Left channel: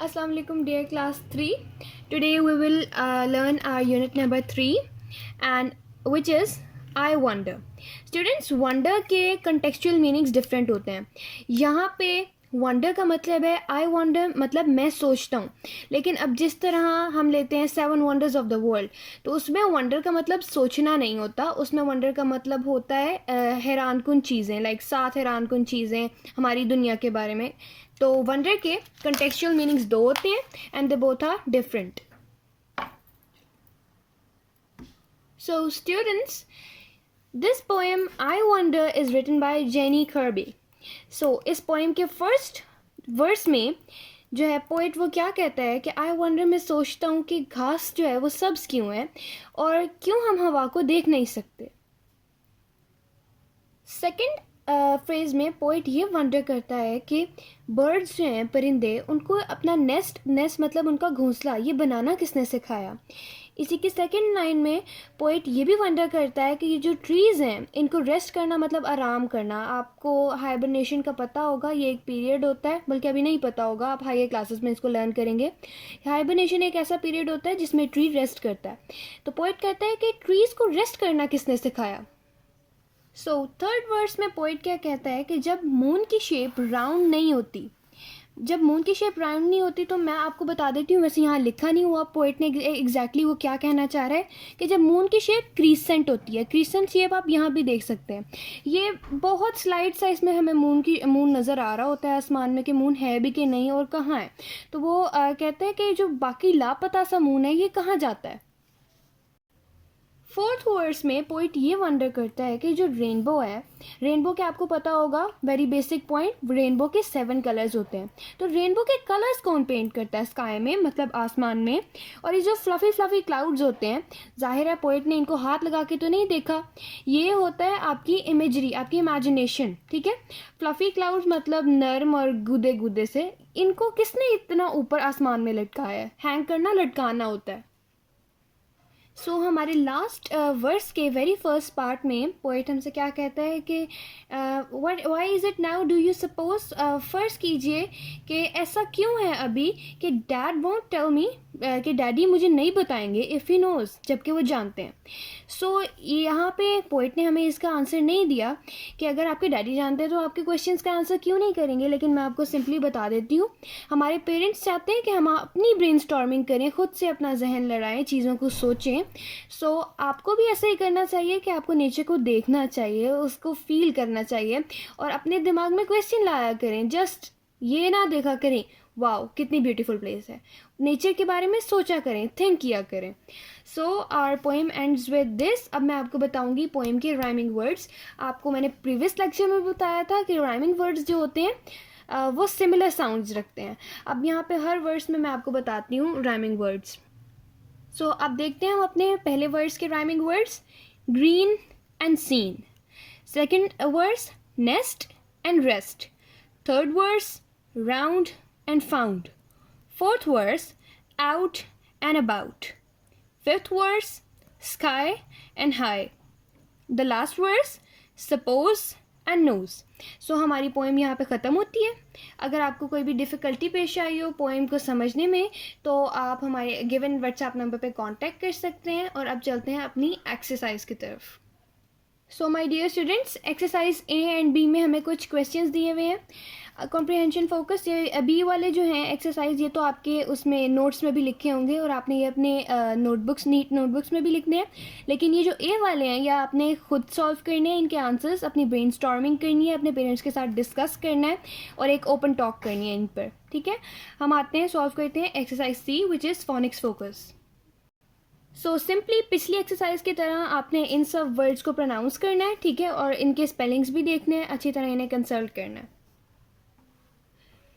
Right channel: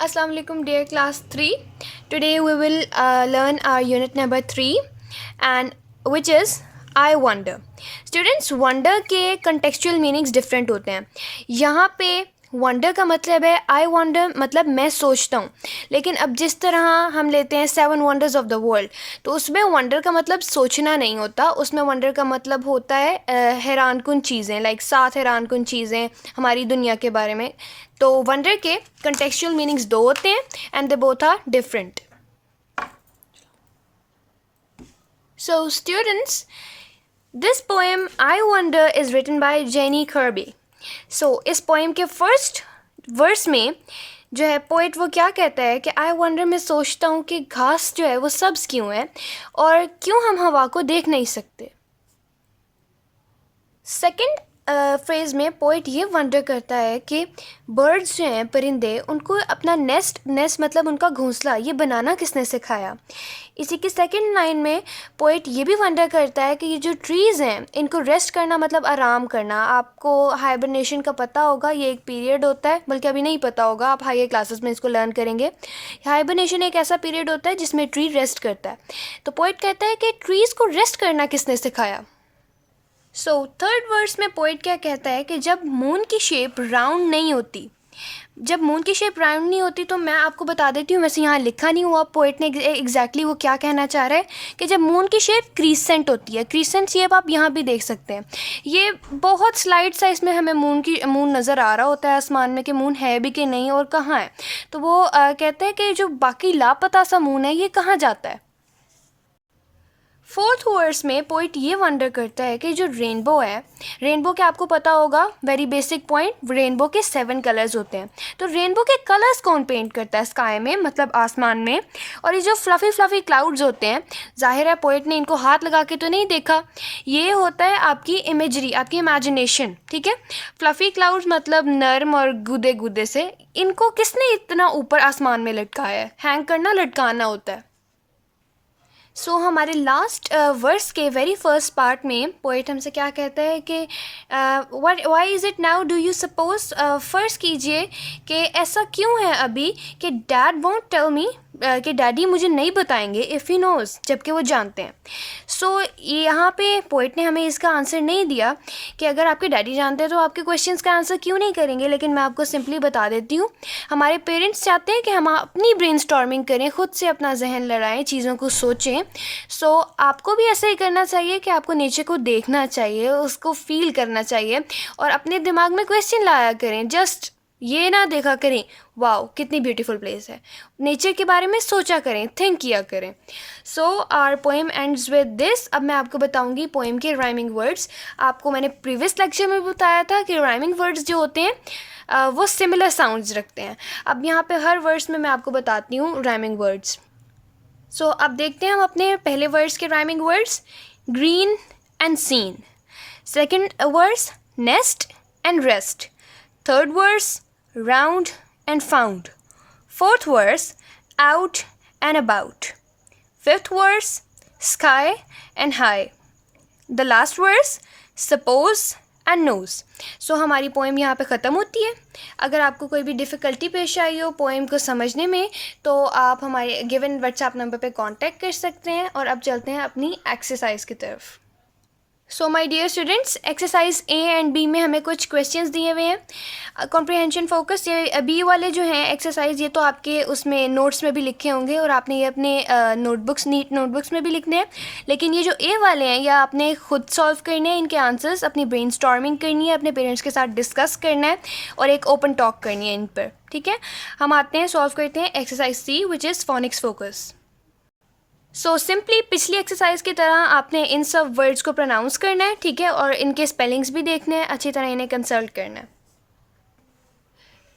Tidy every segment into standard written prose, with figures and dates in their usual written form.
Assalamu alaikum dear class 3. Today we will learn our unit number 3 and which is I wonder. Students, wonder के contextual meanings different होते हैं. यहाँ पे wonder का मतलब है I wonder मतलब मैं सोचता हूँ. लेकिन अब जिस तरह हम लेते हैं 7 wonders of the world, तो उसमें wonder का मतलब सोचना नहीं होता. उसमें wonder का मतलब होता है हैरानकुन चीज़ें, लाइक 7 हैरानकुन चीज़ें हमारी दुनिया के बारे में. तो वंडर के कंटेक्चुअल मीनिंग्स 2 होते हैं and they both are different. So students, this poem I wonder is written by Jenny Kirby. So इस पोएम के फर्स्ट वर्स में जो है पोइट वो क्या कहता है कि आई वंडर में सोचता हूँ कि घास जो है वो सब्ज़ क्यों है और क्यों हम हवा को देख नहीं सकते. सेकेंड फ्रेज़ में पोइट ये वंडर करता है कि बर्ड्स जो हैं, परिंदे, उनको अपना नेस्ट मतलब उनका घोंसला ये बनाना किसने सिखाया. इसी की सेकंड लाइन में पोइट ये भी वंडर करता है कि ये जो ट्रीज़ हैं इनको रेस्ट करना मतलब आराम करना. आपको हाइबरनेशन का पता होगा, ये एक पीरियड होता है, बल्कि अभी नहीं पता होगा, आप हायर क्लासेस में इसको लर्न करेंगे. हाइबरनेशन एक ऐसा पीरियड होता है जिसमें ट्री रेस्ट करता है. तो पोइट कहता है कि ट्रीज़ को रेस्ट करना किसने सिखाया. सो थर्ड वर्स में पोइट क्या कहता है कि जब मून की शेप राउंड नहीं होती, जब मून की शेप राउंड नहीं होती, तो मैं आपको बता देती हूँ, वैसे यहाँ लिखा नहीं हुआ पोइट ने एग्जैक्टली वो क्या कहना चाह रहा है कि जब मून की शेप क्रीसेंट होती है. क्रीसेंट शेप आप यहाँ भी देख सकते हैं. ये बहुत स्लाइड साइज में हमें मून नज़र आ रहा होता है आसमान में कि मून है भी कि नहीं और कहाँ है. तो वो कहते हैं कि जो बाकी लापता सा मून है ये कहाँ जाता है. फोर्थ वर्स में पोइट ये वंडर करता है कि जो रेनबो है, रेनबो के आपको पता होगा, वेरी बेसिक पॉइंट, रेनबो के 7 कलर्स होते हैं. तो रेनबो के कलर्स कौन पेंट करता है स्काई में, मतलब आसमान में. और ये जो फ्लफ़ी क्लाउड्स होते हैं, जाहिर है पोइट ने इनको हाथ लगा के तो नहीं देखा, ये होता है आपकी इमेजरी, आपकी इमेजिनेशन. ठीक है, फ्लफ़ी क्लाउड्स मतलब नर्म और गुदे गुदे से, इनको किसने इतना ऊपर आसमान में लटकाया है. हैंग करना, लटकाना होता है. सो हमारे लास्ट वर्स के वेरी फर्स्ट पार्ट में पोइट हमसे क्या कहता है कि why is it now do you suppose, फ़र्ज़ कीजिए कि ऐसा क्यों है अभी कि डैड वॉन्ट टेल मी, कि डैडी मुझे नहीं बताएंगे, इफ़ ही नोज़, जबकि वो जानते हैं. सो यहाँ पे पोइट ने हमें इसका आंसर नहीं दिया कि अगर आपके डैडी जानते हैं तो आपके क्वेश्चंस का आंसर क्यों नहीं करेंगे. लेकिन मैं आपको सिंपली बता देती हूँ, हमारे पेरेंट्स चाहते हैं कि हम अपनी ब्रेनस्टॉर्मिंग करें, ख़ुद से अपना जहन लड़ाएं, चीज़ों को सोचें. सो आपको भी ऐसा ही करना चाहिए कि आपको नेचर को देखना चाहिए, उसको फील करना चाहिए और अपने दिमाग में क्वेश्चन लाया करें. जस्ट ये ना देखा करें वाओ कितनी ब्यूटीफुल प्लेस है, नेचर के बारे में सोचा करें, थिंक किया करें. So our poem ends with this. अब मैं आपको बताऊंगी पोएम के राइमिंग वर्ड्स. आपको मैंने प्रीवियस लेक्चर में बताया था कि राइमिंग वर्ड्स जो होते हैं वो सिमिलर साउंड्स रखते हैं. अब यहाँ पे हर वर्ड्स में मैं आपको बताती हूँ राइमिंग वर्ड्स. सो अब देखते हैं हम अपने पहले वर्ड्स के rhyming words. Green and seen. Second words nest and rest. Third words round and found. Fourth verse out and about. Fifth verse sky and high. The last verse suppose and knows. So हमारी poem यहाँ पे ख़त्म होती है. अगर आपको कोई भी डिफ़िकल्टी पेश आई हो पोएम को समझने में, तो आप हमारे गिवन व्हाट्सएप नंबर पे कांटेक्ट कर सकते हैं. और अब चलते हैं अपनी एक्सरसाइज की तरफ. So my dear students, exercise A and B में हमें कुछ क्वेश्चंस दिए हुए हैं. कॉम्प्रिहेंशन फोकस, ये बी वाले जो हैं एक्सरसाइज, ये तो आपके उसमें नोट्स में भी लिखे होंगे और आपने ये अपने नोटबुक्स, नीट नोटबुक्स में भी लिखने हैं. लेकिन ये जो ए वाले हैं, या आपने खुद सॉल्व करने हैं इनके आंसर्स, अपनी ब्रेन स्टॉर्मिंग करनी है, अपने पेरेंट्स के साथ डिस्कस करना है और एक ओपन टॉक करनी है इन पर. ठीक है, हम आते हैं, सॉल्व करते हैं exercise C which is phonics focus. So simply पिछली एक्सरसाइज की तरह आपने इन सब वर्ड्स को प्रोनाउंस करना है. ठीक है, और इनके स्पेलिंग्स भी देखने हैं, अच्छी तरह इन्हें कंसल्ट करना है.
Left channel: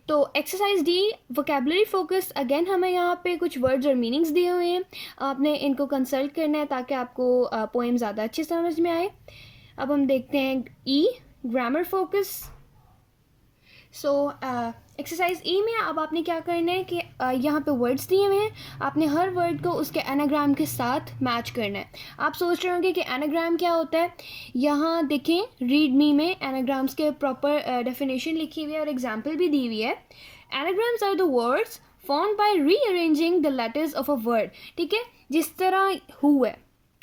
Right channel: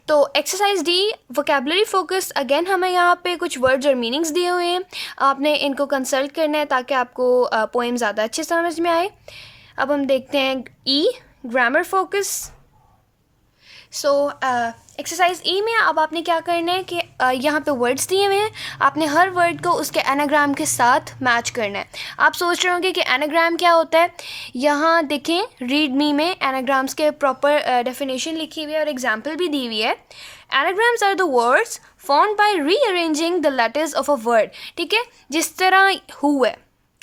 तो exercise D vocabulary focus. Again हमें यहाँ पे कुछ वर्ड्स और मीनिंग्स दिए हुए हैं, आपने इनको कंसल्ट करना है ताकि आपको पोएम ज़्यादा अच्छे समझ में आए. अब हम देखते हैं E grammar focus. So exercise E में अब आपने क्या करना है कि यहाँ पे वर्ड्स दिए हुए हैं, आपने हर वर्ड को उसके एनाग्राम के साथ मैच करना है. आप सोच रहे होंगे कि एनाग्राम क्या होता है. यहाँ देखें, रीड मी में एनाग्राम्स के प्रॉपर डेफिनेशन लिखी हुई है और एग्जांपल भी दी हुई है. Anagrams are the words formed by rearranging the letters of a word, ठीक है, जिस तरह हु है।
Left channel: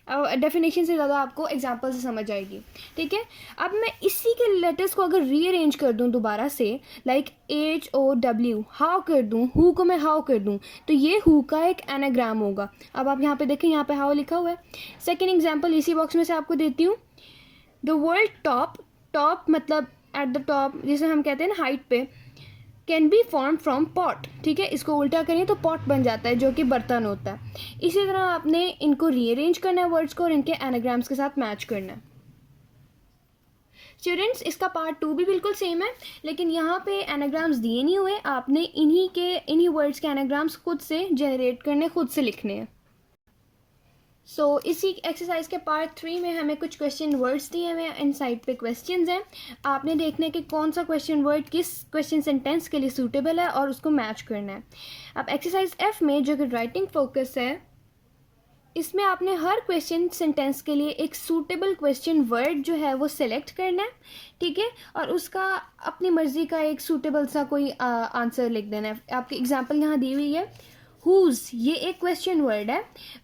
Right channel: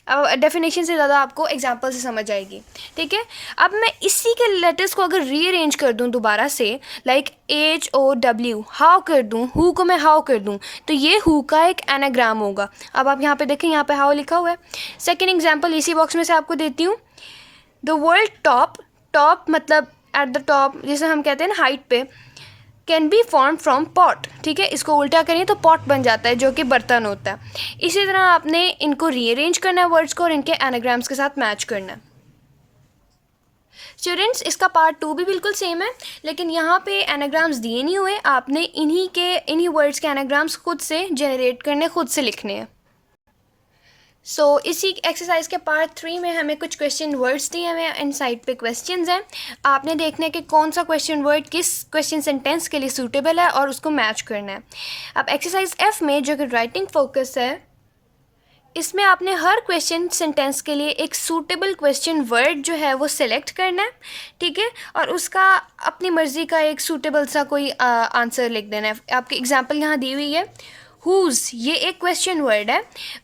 अब डेफिनेशन से ज़्यादा आपको एग्जांपल से समझ आएगी, ठीक है। अब मैं इसी के लेटर्स को अगर रीअरेंज कर दूं दोबारा से, लाइक HOW, हाउ कर दूं, हु को मैं हाउ कर दूं, तो ये हु का एक एनाग्राम होगा। अब आप यहाँ पे देखें, यहाँ पे हाउ लिखा हुआ है। सेकेंड एग्जाम्पल इसी बॉक्स में से आपको देती हूँ। द वर्ड टॉप, टॉप मतलब एट द टॉप, जिसे हम कहते हैं ना हाइट पे, can be form from pot, ठीक है। इसको उल्टा करें तो पॉट बन जाता है, जो कि बर्तन होता है। इसी तरह आपने इनको रीअरेंज करना है वर्ड्स को, और इनके एनाग्राम्स के साथ मैच करना है। स्टूडेंट्स, इसका पार्ट 2 भी बिल्कुल सेम है, लेकिन यहाँ पे एनाग्राम्स दिए नहीं हुए, आपने इन्हीं वर्ड्स के एनाग्राम्स खुद से जनरेट करने, खुद से लिखने हैं। सो इसी एक्सरसाइज के पार्ट 3 में हमें कुछ क्वेश्चन वर्ड्स दिए हुए हैं, इन साइड पे क्वेश्चंस हैं। आपने देखना है कि कौन सा क्वेश्चन वर्ड किस क्वेश्चन सेंटेंस के लिए सूटेबल है और उसको मैच करना है। अब एक्सरसाइज F में जो कि राइटिंग फोकस है, इसमें आपने हर क्वेश्चन सेंटेंस के लिए एक सूटेबल क्वेश्चन वर्ड जो है वो सिलेक्ट करना है, ठीक है, और उसका अपनी मर्ज़ी का एक सूटेबल सा कोई आंसर लिख देना है। आपकी एग्जांपल यहाँ दी हुई है। हुज़, ये एक क्वेश्चन वर्ड है,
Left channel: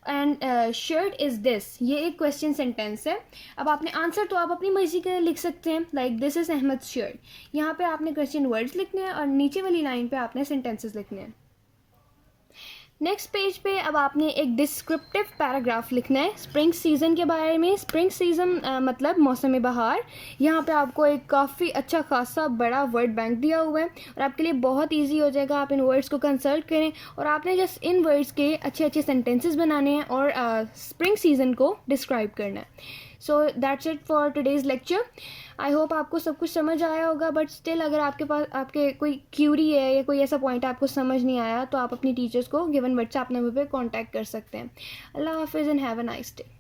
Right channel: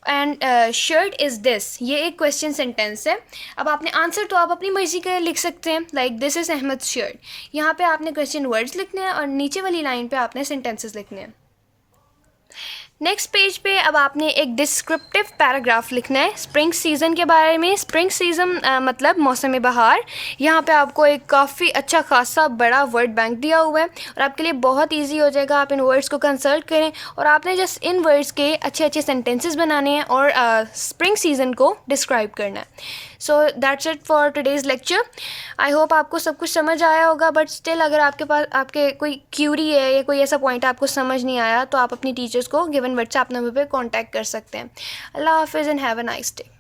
एंड शर्ट इज़ दिस, ये एक क्वेश्चन सेंटेंस है। अब आपने आंसर तो आप अपनी मर्ज़ी का लिख सकते हैं, like this is Ahmed shirt. यहाँ पे आपने क्वेश्चन वर्ड्स लिखने हैं और नीचे वाली लाइन पे आपने सेंटेंसेस लिखने हैं। नेक्स्ट पेज पे अब आपने एक डिस्क्रिप्टिव पैराग्राफ लिखना है स्प्रिंग सीज़न के बारे में। स्प्रिंग सीज़न मतलब मौसम बहार। यहाँ पे आपको एक काफ़ी अच्छा खासा बड़ा वर्ड बैंक दिया हुआ है और आपके लिए बहुत इजी हो जाएगा। आप इन वर्ड्स को कंसल्ट करें और आपने जस्ट इन वर्ड्स के अच्छे अच्छे सेंटेंसेस बनाने हैं और स्प्रिंग सीज़न को डिस्क्राइब करना है। So that's it for today's lecture. I hope आपको सब कुछ समझ आया होगा, बट स्टिल अगर आपके कोई क्यूरी है या कोई ऐसा पॉइंट आपको समझ नहीं आया तो आप अपनी टीचर्स को गिवन व्हाट्सएप नंबर पे कांटेक्ट कर सकते हैं। अल्लाह हाफिज़ and have a nice day.